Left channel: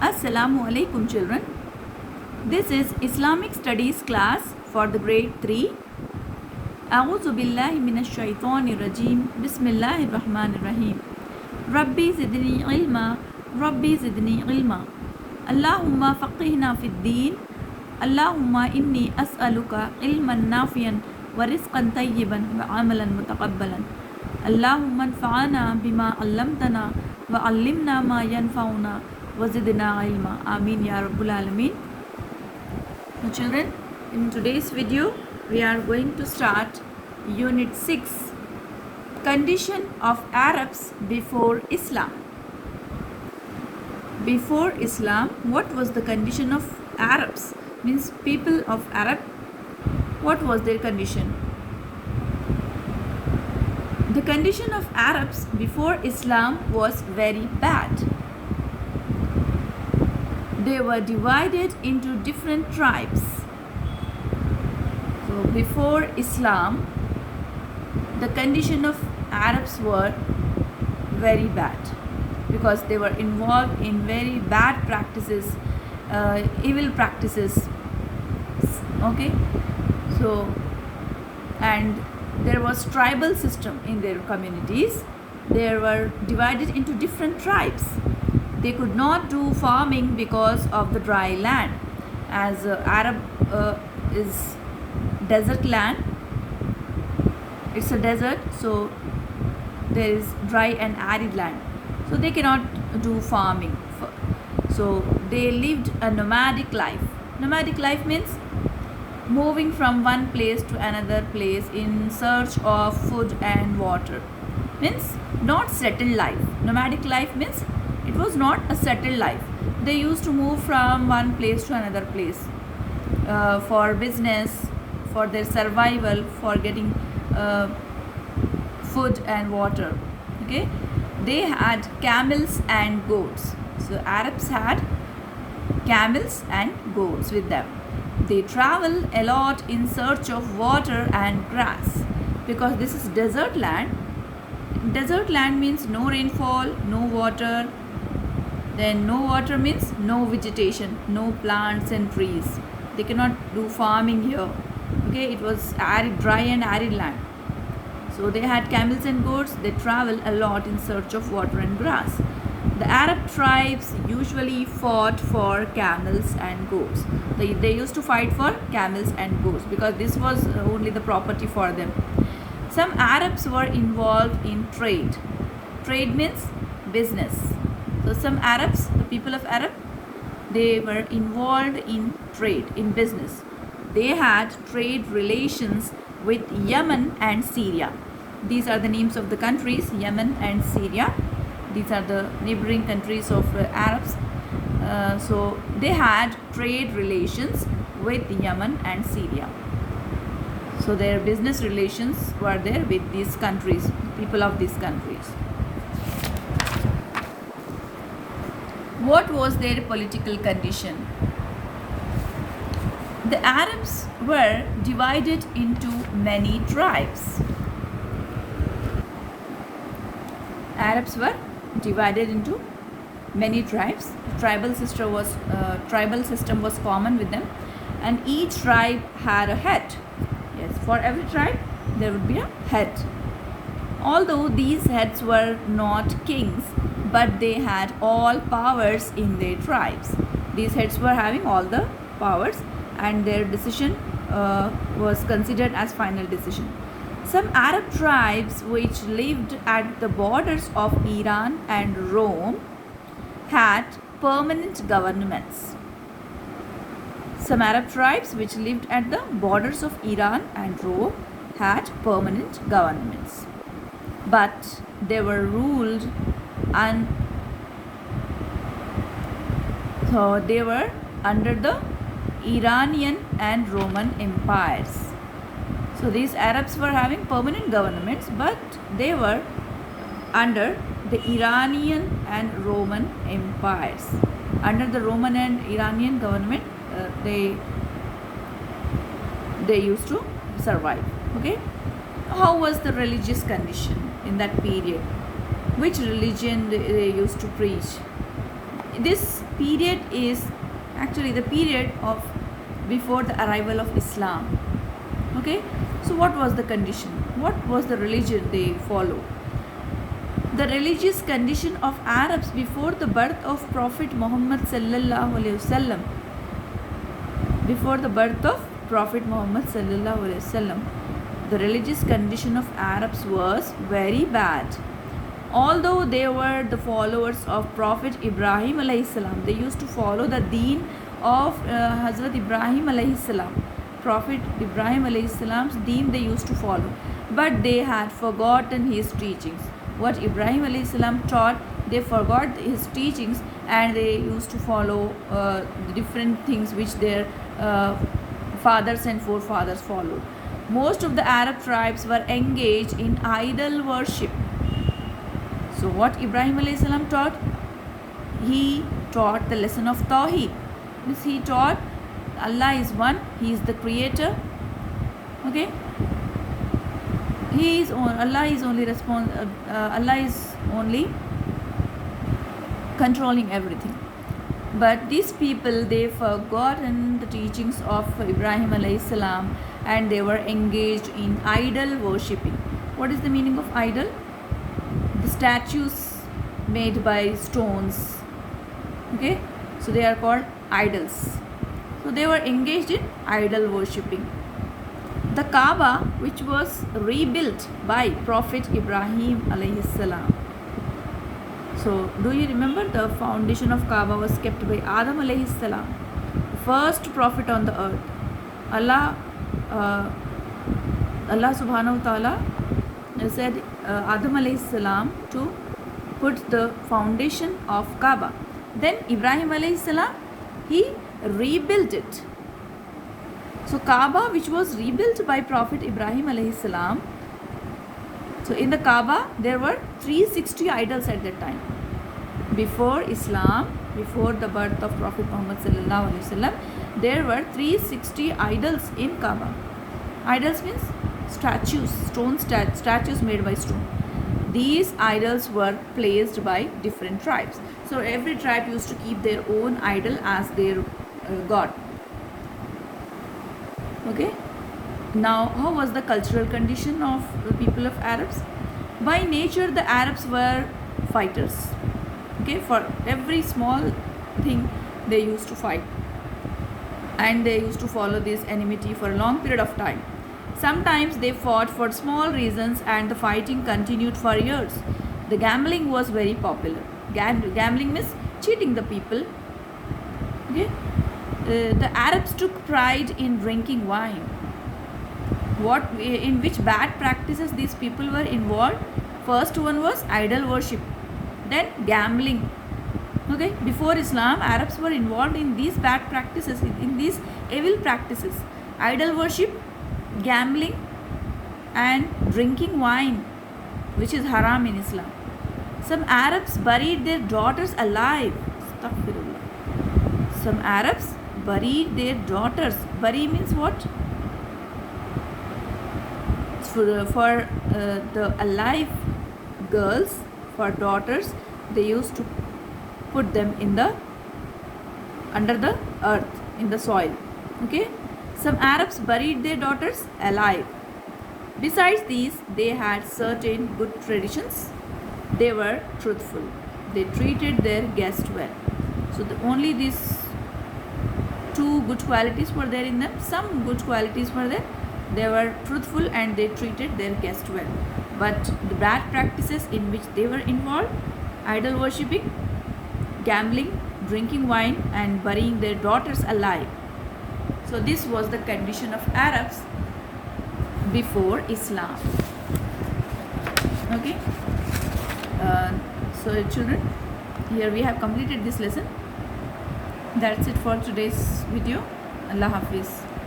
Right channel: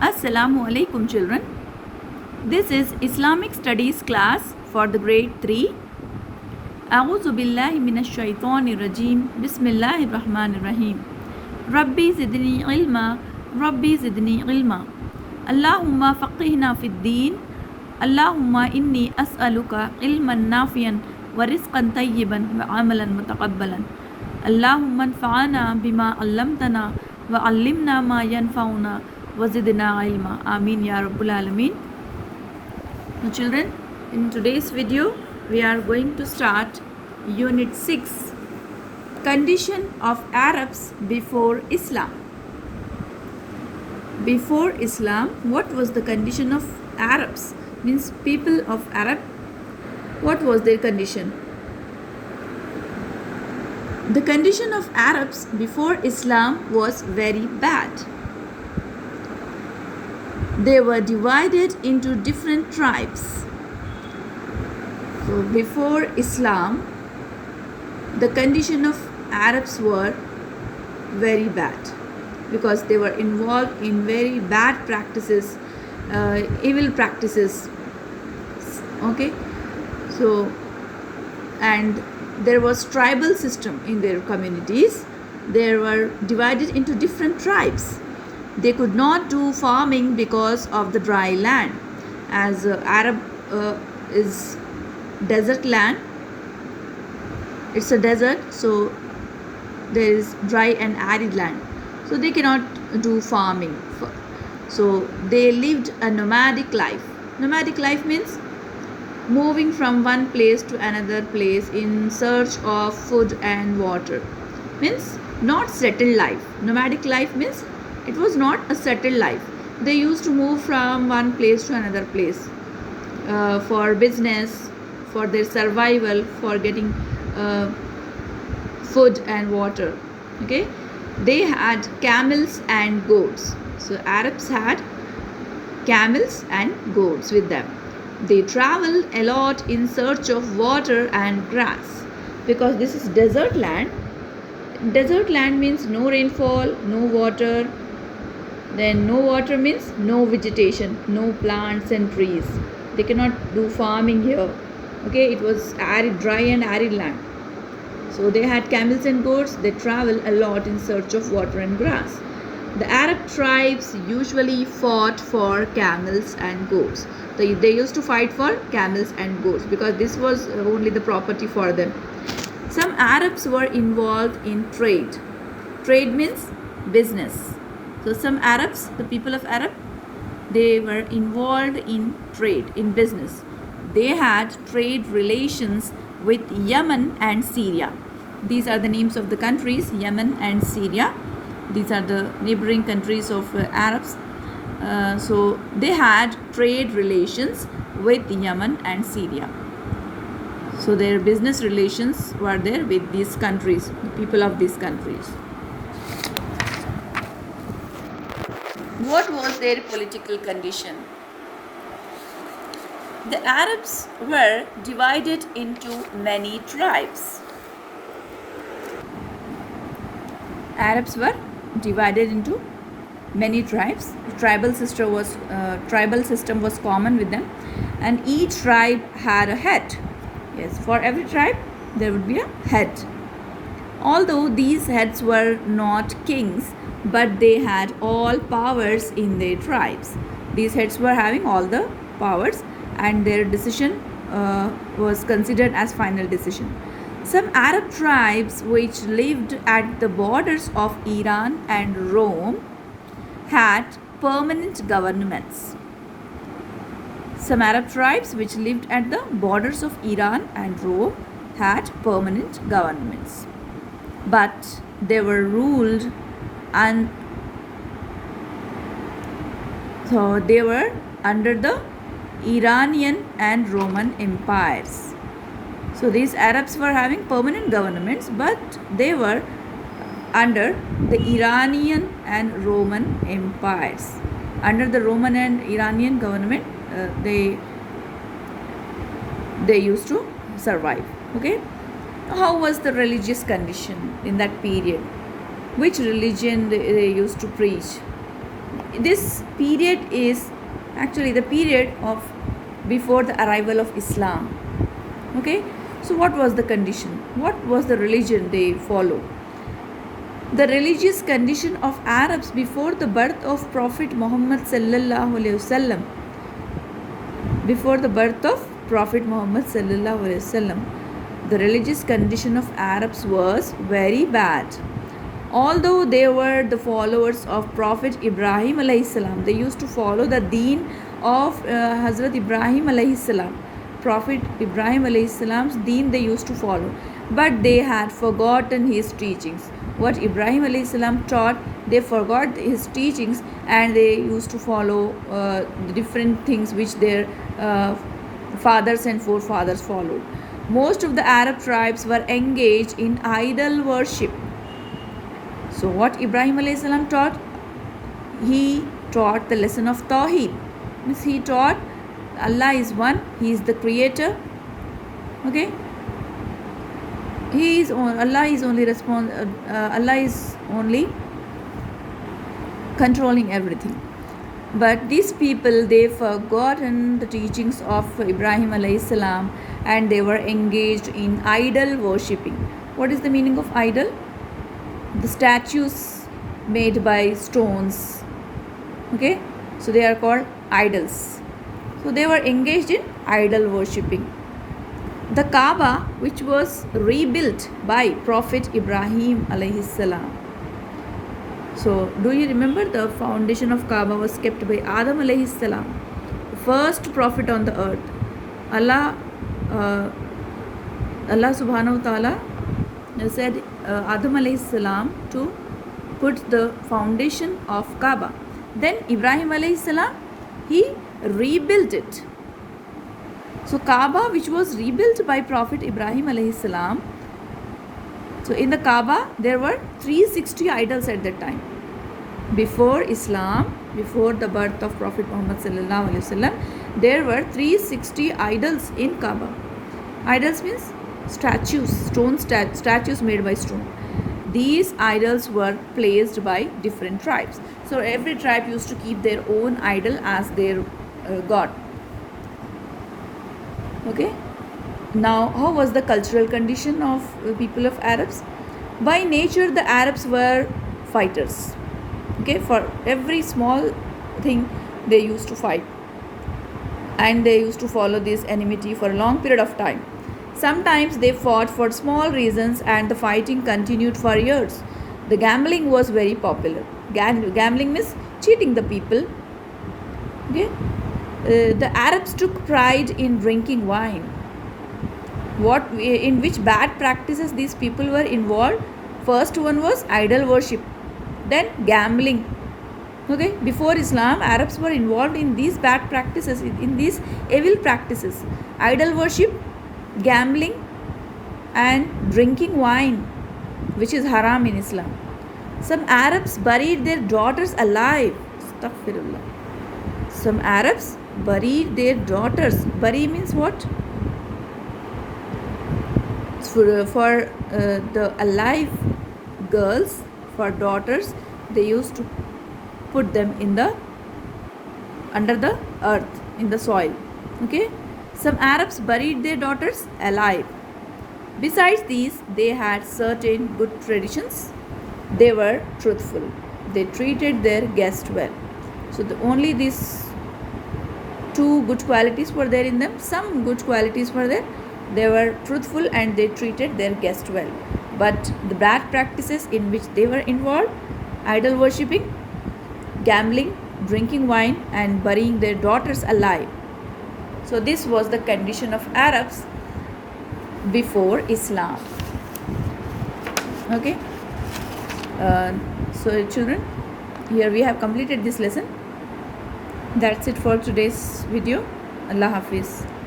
Assalamu alaikum children. This is Islamic Studies class for the grade 3. A'udhu billahi minash shaitanir rajim. Bismillahir rahmanir rahim. Rabbi zidni ilma. Rabbi zidni ilma. Allahumma faqihna fid deen. Allahumma inni as'aluka ilman nafiyan wa rizqan tayyiban wa amalan mutaqabbalan. Allahumma anfa'ana bima 'allamtana wa 'allimna ma yanfa'una wazidna ilma. Ameen ya Rabbul Alameen. Now children, in today's video we are going to start unit 6, condition of Arabs before Islam. Before Islam, what was the condition of Arabs? Means people of Arab, what was their condition? The condition of Arabs before Islam was very bad. They were divided into different tribes. So before Islam, the condition of Arabs were very bad because they were involved in very bad practices, evil practices. Okay, so and there was tribal system in their communities. They were divided into different tribes. They could not do farming because of the dry land, as Arab is desert land. It's a desert, so there is dry and arid land, so they cannot do farming. So they lived a nomadic life. Nomadic life means moving from one place to another place in search of food and water. Means not settled life. Nomadic life means it was not a settled life. They used to move from one place to another place for business, for their survival, for getting food and water. Okay, they had camels and goats. So Arabs had camels and goats with them. They travel a lot in search of water and grass because this is desert land. Desert land means no rainfall, no water. Then no water means no vegetation, no plants and trees. They cannot do farming here. Okay, it was arid, dry and arid land. So they had camels and goats. They travel a lot in search of water and grass. The Arab tribes usually fought for camels and goats. They used to fight for camels and goats because this was only the property for them. Some Arabs were involved in trade. Trade means business. So some Arabs, the people of Arab, they were involved in trade, in business. They had trade relations with Yemen and Syria. These are the names of the countries, Yemen and Syria. These are the neighboring countries of Arabs. So they had trade relations with Yemen and Syria. So their business relations were there with these countries, people of these countries. What was their political condition? The Arabs were divided into many tribes. Arabs were divided into many tribes. Tribal system was common with them, and each tribe had a head. Yes, for every tribe there would be a head. Although these heads were not kings, but they had all powers in their tribes. These heads were having all the powers, and their decision was considered as final decision. Some Arab tribes which lived at the borders of Iran and Rome had permanent governments. Some Arab tribes which lived at the borders of Iran and Rome had permanent governments, but they were ruled and so they were under the Iranian and Roman empires. So these Arabs were having permanent governments, but they were under the Iranian and Roman empires. Under the Roman and Iranian government, they used to survive. Okay, how was the religious condition in that period? Which religion they used to preach? This period is actually the period of before the arrival of Islam. Okay, so what was the condition? What was the religion they followed? The religious condition of Arabs before the birth of Prophet Muhammad sallallahu alaihi wasallam. Before the birth of Prophet Muhammad sallallahu alaihi wasallam, the religious condition of Arabs was very bad. Although they were the followers of Prophet Ibrahim alayhi salam, they used to follow the deen of Hazrat Ibrahim alayhi salam. Prophet Ibrahim alayhi salam's deen they used to follow, but they had forgotten his teachings. What Ibrahim alayhi salam taught, they forgot his teachings, and they used to follow the different things which their fathers and forefathers followed. Most of the Arab tribes were engaged in idol worship. So what Ibrahim alayhi salam taught? He taught the lesson of Tawheed. Means he taught Allah is one, He is the creator. Okay, Allah is only controlling everything. But these people, they forgotten the teachings of Ibrahim alayhi salam, and they were engaged in idol worshipping. What is the meaning of idol? The statues made by stones. Okay, so they are called idols. So they were engaged in idol worshipping. The Kaaba, which was rebuilt by Prophet Ibrahim alayhi salam. So do you remember the foundation of Kaaba was kept by Adam alayhi salam, the first prophet on the earth. Allah subhanahu wa ta'ala said Adam alayhi salam to put the foundation of Kaaba. Then Ibrahim alayhi salam, he rebuilt it. So Kaaba, which was rebuilt by Prophet Ibrahim alayhi salam. So in the Kaaba, there were 360 idols at that time. Before Islam, before the birth of Prophet Muhammad sallallahu alaihi wasallam, there were 360 idols in Kaaba. Idols means statues, statues made by stone. These idols were placed by different tribes. So every tribe used to keep their own idol as their god. Okay. Now, how was the cultural condition of the people of Arabs? By nature, the Arabs were fighters. Okay, for every small thing, they used to fight, and they used to follow this enmity for a long period of time. Sometimes they fought for small reasons, and the fighting continued for years. The gambling was very popular. Gambling means cheating the people. Okay, the Arabs took pride in drinking wine. In which bad practices these people were involved? First one was idol worship, then gambling. Okay, before Islam, Arabs were involved in these bad practices, in these evil practices: idol worship, gambling, and drinking wine, which is haram in Islam. Some Arabs buried their daughters alive. Astaghfirullah. Some Arabs buried their daughters. Bury means what? For the alive girls, for daughters, they used to put them in the under the earth, in the soil. Okay, some Arabs buried their daughters alive. Besides these, they had certain good traditions. They were truthful. They treated their guests well. So only these two good qualities were there in them. Some good qualities were there. They were truthful and they treated their guests well. But the bad practices in which they were involved: idol worshipping, gambling, drinking wine, and burying their daughters alive. So this was the condition of Arabs before Islam. Okay. So children, here we have completed this lesson. That's it for today's video. Allah Hafiz.